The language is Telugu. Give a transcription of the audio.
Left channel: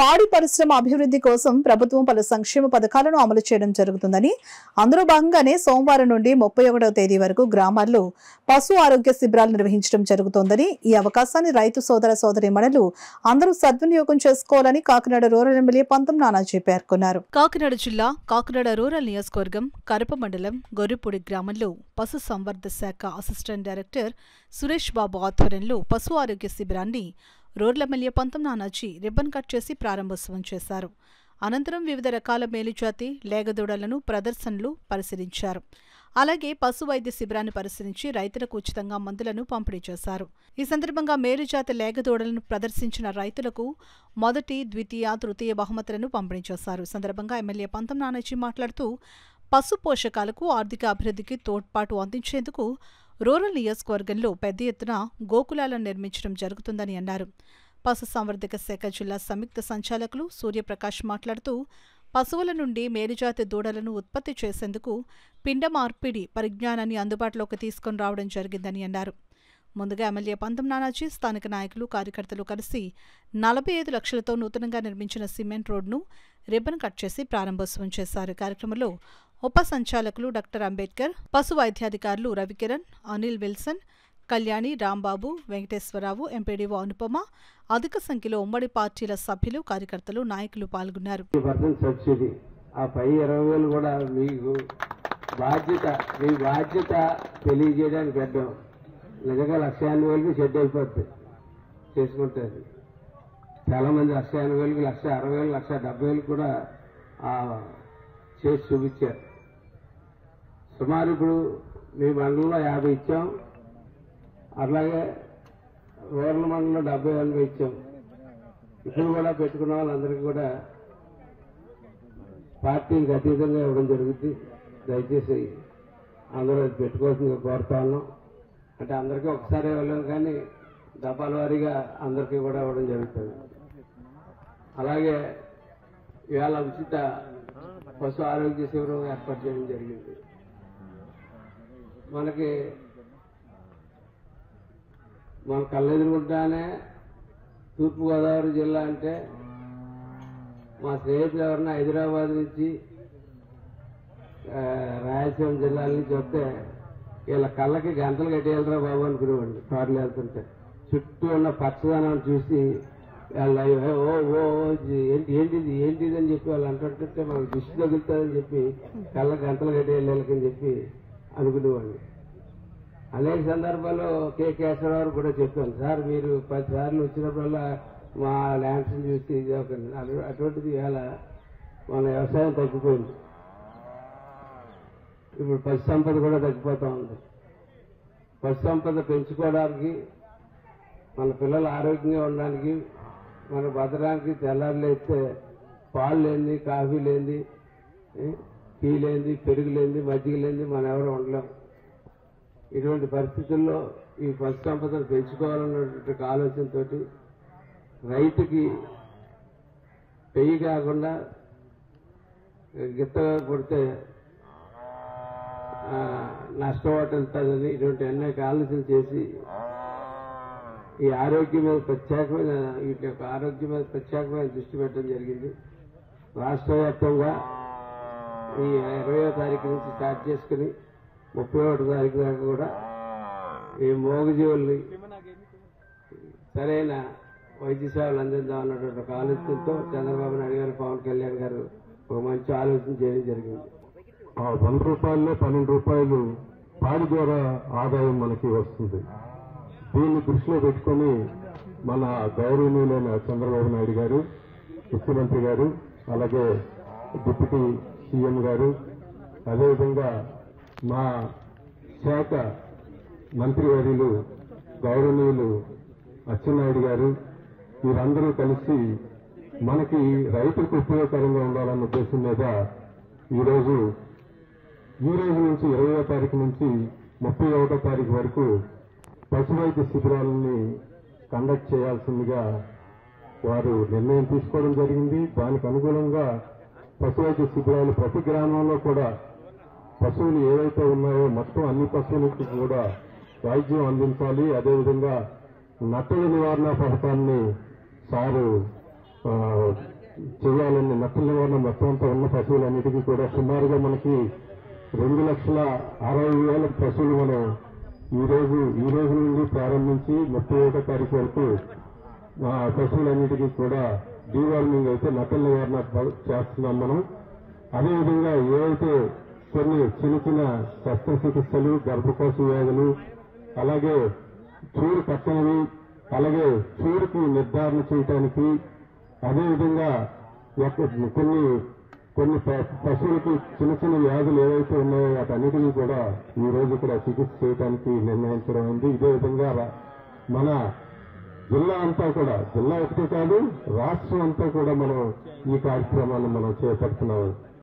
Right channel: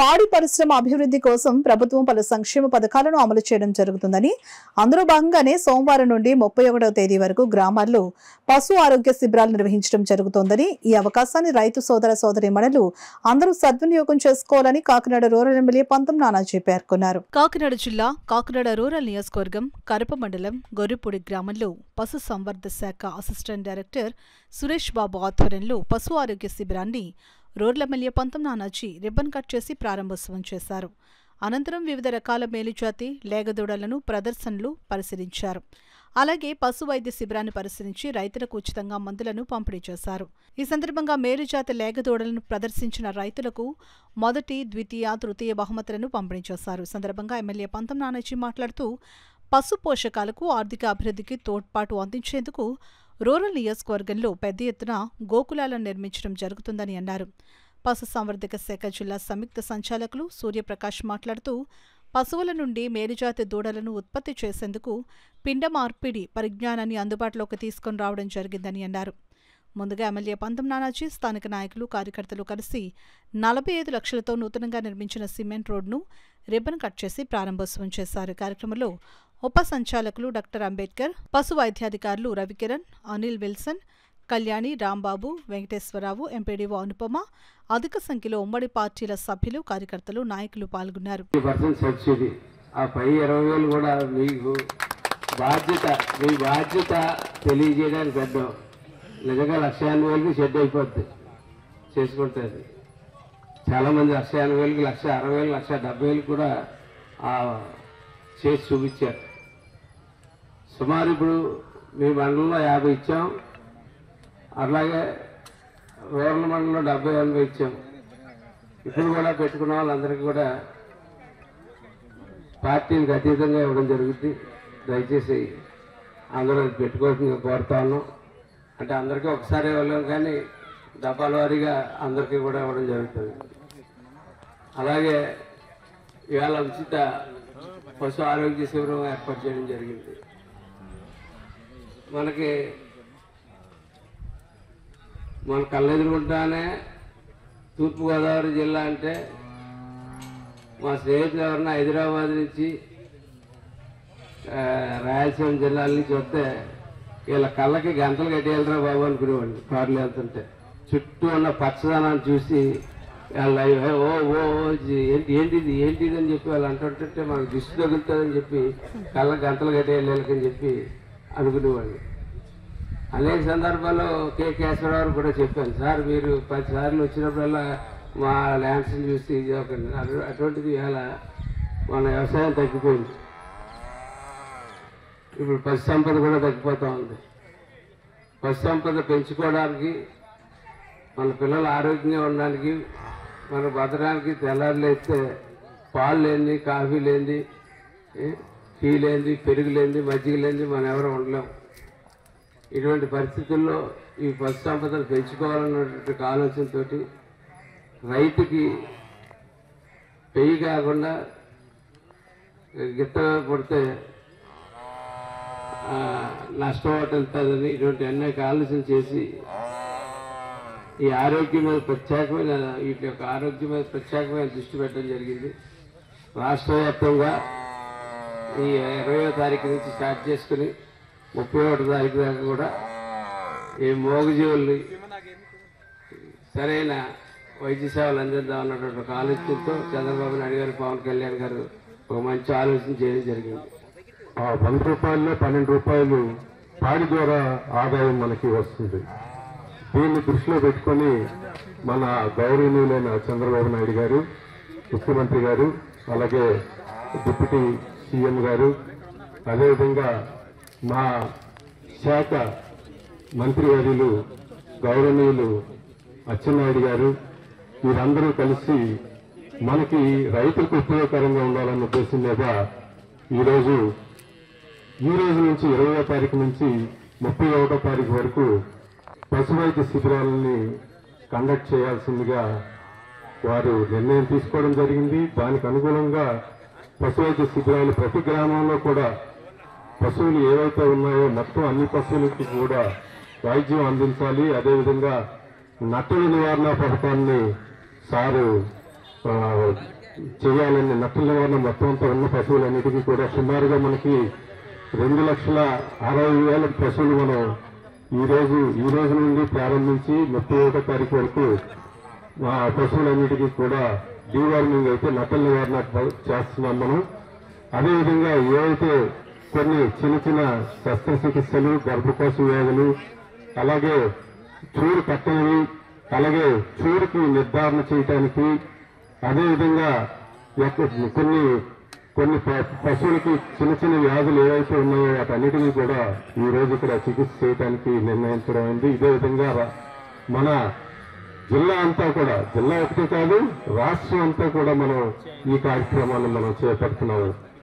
పాడి పరిశ్రమ అభివృద్ధి కోసం ప్రభుత్వం పలు సంక్షేమ పథకాలను అమలు చేయడం జరుగుతుందని, అందులో భాగంగానే సోమవారం నుండి 31వ తేదీ వరకు గ్రామాల్లో పశు ఆరోగ్య శిబిరాలు నిర్వహించడం జరుగుతోందని, ఈ అవకాశాన్ని రైతు సోదర సోదరీమణులు అందరూ సద్వినియోగం చేసుకోవాలని కాకినాడ రూరల్ ఎమ్మెల్యే పంతం నానాజీ పేర్కొన్నారు. కాకినాడ జిల్లా కాకినాడ రూరల్ నియోజకవర్గం కరప మండలం గొర్రెపూడి గ్రామంలో పశు సంవర్ధ శాఖ అసిస్టెంట్ డైరెక్టర్ సురేష్ బాబు ఆధ్వర్యంలో పశు ఆరోగ్య శిబిరాన్ని రూరల్ ఎమ్మెల్యే పంతం నానాజీ రిబ్బన్ కట్ చేసి ప్రారంభోత్సవం చేశారు. అనంతరం వివిధ రకాల మేలుజాతి లేగదూడలను ప్రదర్శనలు పరిశీలించారు. అలాగే పశు వైద్య శిబిరాన్ని పరిశీలించి రైతులకు ఉచితంగా మందులను పంపిణీ చేశారు. ఈ సందర్భంగా మేలుజాతి లేగదూడలను ప్రదర్శించిన రైతులకు మొదటి, ద్వితీయ, తృతీయ బహుమతులను పంపిణీ చేశారు. ఈ సందర్భంగా ఎమ్మెల్యే పంతం నానాజీ మాట్లాడుతూ పశు పోషకాలకు ఆర్థిక అభివృద్ధికి తోడ్పాటు అందించేందుకు రూరల్ నియోజకవర్గంలో పెద్ద ఎత్తున గోకులాలను నిర్మించడం జరుగుతుందని అన్నారు. పశు సంవర్ధక శాఖ జిల్లా సంయుక్త సంచాలకులు సూర్యప్రకాష్ మాట్లాడుతూ పశువుల నుండి మేలుజాతి దూడలను ఉత్పత్తి చేసేందుకు పిండ మార్పిడి పరిజ్ఞానాన్ని అందుబాటులోకి తీసుకుని రావడం జరిగిందని అన్నారు. ముందుగా ఎమ్మెల్యే పంతం నానాజీ స్థానిక నాయకులు, కార్యకర్తలు కలిసి 45 లక్షలతో నూతనంగా నిర్మించిన సిమెంట్ రోడ్ను రిబ్బన్ కట్ చేసి ప్రారంభోత్సవం చేశారు. కార్యక్రమంలో ఉప సంచాలకులు డాక్టర్ అంబేద్కర్, పశు వైద్యాధికారులు రవికిరణ్, అనిల్ విల్సన్, కళ్యాణి, రాంబాబు, వెంకటేశ్వరరావు, ఎంపీడీఓ అనుపమ, అధిక సంఖ్యలో ఉమ్మడి పార్టీల సభ్యులు, కార్యకర్తలు, నాయకులు పాల్గొన్నారు. నిజంగా 1,80,000కి షెడ్ అయిపోద్ది చేసుకుంటుంది. చాలామంది 1,80,000కి, 1,60,000, 1,70,000 కూడా చేసి చూపించారు. సుమారు ఇప్పుడు మీ మండలంలో 50 ఇచ్చాం, అలాగే రూరల్ మండలంలో 70-80 ఇచ్చాం. ఇప్పుడు కూడా పెట్టుకున్న వాళ్ళందరికీ కూడా పార్టీలకు అతీతంగా ఇవ్వడం జరుగుతుంది. దయచేసి అందరూ పెట్టుకోవాల్సిందిగా కోరుతా ఉన్నాం. అంటే అందరికీ ఒకసారి ఇవ్వలేము, కానీ డబ్బాల వారీగా అందరికీ కూడా ఇవ్వడం జరుగుతుంది. అలాగే ఇవాళ ఉచిత పశు ఆరోగ్య శిబిరం ఏర్పాటు చేయడం జరిగింది. మన కళ్ళెదురుకుంటానే తూర్పుగోదావరి జిల్లా అంటే మా స్నేహితులు ఎవరన్నా హైదరాబాద్ నుంచి, రాయలసీమ జిల్లాల నుంచి వస్తే వీళ్ళ కళ్ళకి గంటలు కట్టేయాలరా బాబు అనుకునేవాడిని. కార్లు వెళ్తుంటే చుట్టూ ఉన్న పచ్చదనాన్ని చూసి వాళ్ళ ఏంటిది అని చెప్పి వాళ్ళు అంటుంటే మనకు దిష్టి తగులుతుందని చెప్పి కళ్ళ గంటలు కట్టేయాలని చెప్పి అనుకునేవాడిని. అనేక సందర్భాల్లో కె కేశవరావు కూడా చెప్పాను, సార్ మీరు 10 సార్లు వచ్చినప్పుడల్లా మా ల్యాండ్స్ని చూసి అటువంటిది ఇవాళ మన వ్యవసాయం తగ్గిపోయింది. ఇప్పుడు పశు సంపద కూడా తగ్గిపోతూ ఉంది. పశు సంపద పెంచుకోవడానికి, మన పిల్లలు ఆరోగ్యంగా ఉండడానికి, మన బతకడానికి తెల్లారులేస్తే పాలు లేనిది, కాఫీ లేనిది, టీ లేనిది, పెరుగు లేనిది, మజ్జిగ లేనిది మనం ఎవరు ఉండలేం. ఇటువంటి పరిస్థితుల్లో ఈ పశు సంపదను పెంచుకోవాలన్నటువంటి ఆలోచనతో రైతుకి పెయ్యి కాకుండా గిత్తగా కొడితే నష్టం వెళ్తుందని ఇటువంటి అనేక ఆలోచన చేసి ఈ ఆరోగ్యం మీద వీటి యొక్క ఆరోగ్యం మీద ప్రత్యేకమైన దృష్టి పెట్టడం జరిగింది. రాష్ట్ర వ్యాప్తంగా ఈ 20వ తారీఖు నుంచి స్టార్ట్ చేసుకుని 31వ తారీఖు దాకా కూడా ఈ మోగజీవుల్ని సరైన వైద్య సేవలు అందిద్దాం అన్నటువంటి ఒక ఆలోచనతో చంద్రబాబు నాయుడు గారు, పవన్ కళ్యాణ్ గారు ఒక మంచి ఆలోచన చేయడం జరిగింది. 100 రూపాయల్లో 12 రూపాయలు పాడి ద్వారా ఆదాయం మనకి వస్తుంది. దీన్ని దృష్టిలో పెట్టుకొని మన గౌరవనీయులైన చంద్రబాబు నాయుడు గారు, ముఖ్యమంత్రి గారు, అలాగే డిప్యూటీ సీఎం గారు, అదేవిధంగా మా శాఖ మంత్రివర్యులు గౌరవనీయులు అచ్చెన్నాయుడు గారు, వీరందరూ కలిసి మనకి రైతులకు ఉపయోగకరంగా ఉండాలన్న ఉద్దేశం మీద ఈ రోజు నుంచి 20వ తారీఖు నుంచి 31వ తారీఖు వరకు పశు వైద్య శిబిరాలని కండక్ట్ చేయాల్సిందిగా వారు నిర్ణయం తీసుకోవడం జరిగింది. దానికి అనుగుణంగా పశు వైద్య శిబిరాలు ప్రతి గ్రామంలో కూడా పశువులు ఏవైతే ఉన్నాయో మొత్తం అన్ని పశువులకు కూడా వైద్యం అందించాలి. అదేవిధంగా నట్టల నివారణ పథకాన్ని సారు చేయాలని నట్టల నివారణ మొత్తం అంతా ఉన్న పశువులన్నిటికీ కూడా సుమారుగా మనకి 2,60,60,000 పశువులు మనం ఈ రోజు నుండి ప్రారంభించి 31వ తారీఖు వరకు పశువులన్నిటికీ కూడా డీవార్మింగ్ అయితే నట్టల నివారణ చేస్తున్నాం మనం. అదేవిధంగా ఏవైతే కొన్ని చిన్న శస్త్రచికిత్సలు, గర్భకోశ వ్యాధులు, అలాగే చూడు కట్టనివి, అలాగే చూడుకి నిర్ధారణ చేయటానికి, అదేవిధంగా కొన్ని పశువులకి చిన్న వ్యాధులు ఏవైతే ఉన్నాయో వాటన్నిటినీ కూడా ఈ రోజు ఇక్కడ చికిత్స చేయడానికి నిర్ణయించడం అయింది. ఇదే విధంగా మన జిల్లా అంతా కూడా, జిల్లా ఒకటే కాదు రాష్ట్రం అంతా కూడా మనం ఈ కార్యక్రమాన్ని మనం చేపడుతున్నాము.